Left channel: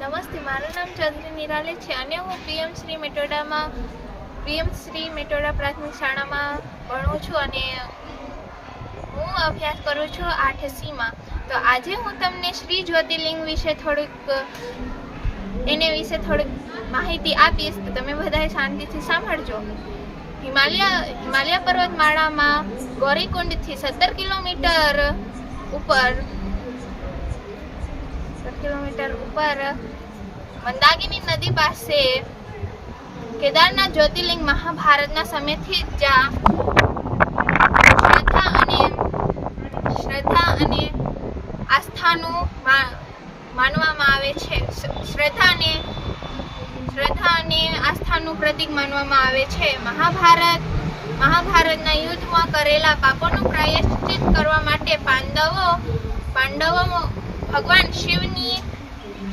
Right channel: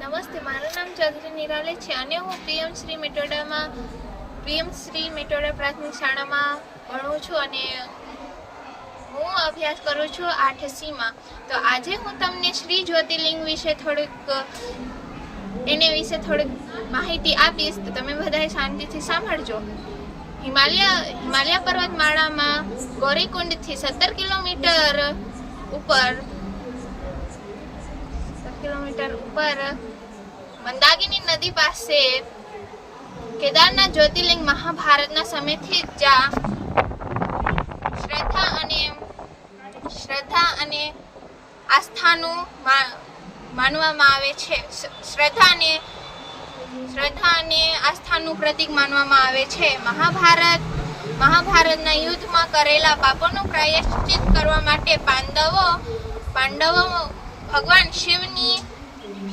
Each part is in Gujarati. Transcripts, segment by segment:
નમસ્તે, મારું નામ ચૌધરી નિરાલી છે અને હું પીએમ શ્રી મેટોડા પ્રાથમિક શાળામાં ભણું છું અને હું અભ્યાસ કરું છું 8સીમાં. તો આજે હું તમને શ્રી જ્યોતિર્લિંગ વિશે થોડીક માહિતી આપીશ, તો તમે બધાએ શાંતિથી સાંભળજો. હિમાલય પર્વતમાળામાં ગૌરીકુંડથી 17 કિલોમીટર ઉપર મંદાકિની નદી પાસે કેદારનાથ જ્યોતિર્લિંગ મહાભારતના સમયથી જ શ્રદ્ધા અને આસ્થાનું માનવામાં આવે છે. શ્રદ્ધા અને આસ્થાનું પ્રતીક માનવામાં આવે છે. મહાભારતના યુદ્ધમાં કરેલા પાપોનું પ્રાયશ્ચિત કરવા માટે પાંડવો ભગવાન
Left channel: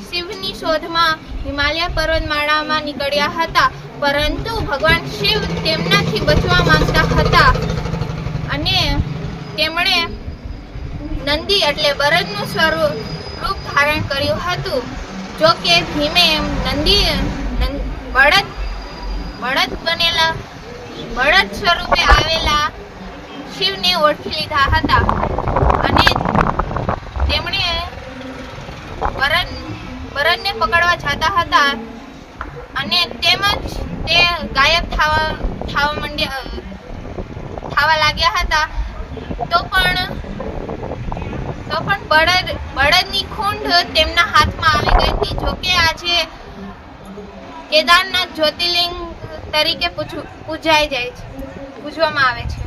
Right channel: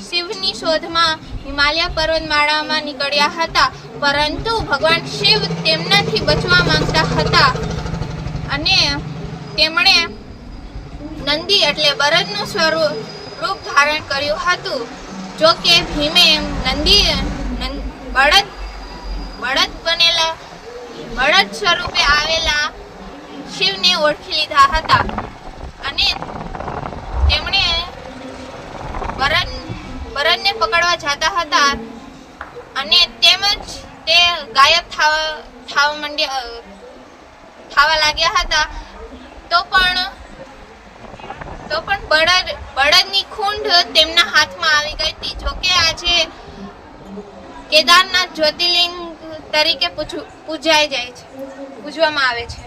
શિવની શોધમાં હિમાલય પર્વતમાળામાં નીકળ્યા હતા, પરંતુ ભગવાન શિવ તેમનાથી બચવા માંગતા હતા અને તેમણે નંદી એટલે બળદનું સ્વરૂપ ધારણ કર્યું હતું. જો કે ભીમે બળદ સ્વરૂપે આવેલા શિવને ઓળખી લીધા હતા અને તેમણે બળદને પકડવા જતા હતા અને તેમજ તે ગાયબ થવા લાગ્યા હતા. તો પણ બળદની ખૂંડ તેમના હાથમાં આવી ગઈ હતી. જોકે આજે કેદારનાથ જ્યોતિર્લિંગ તરીકે પૂજવામાં આવે છે.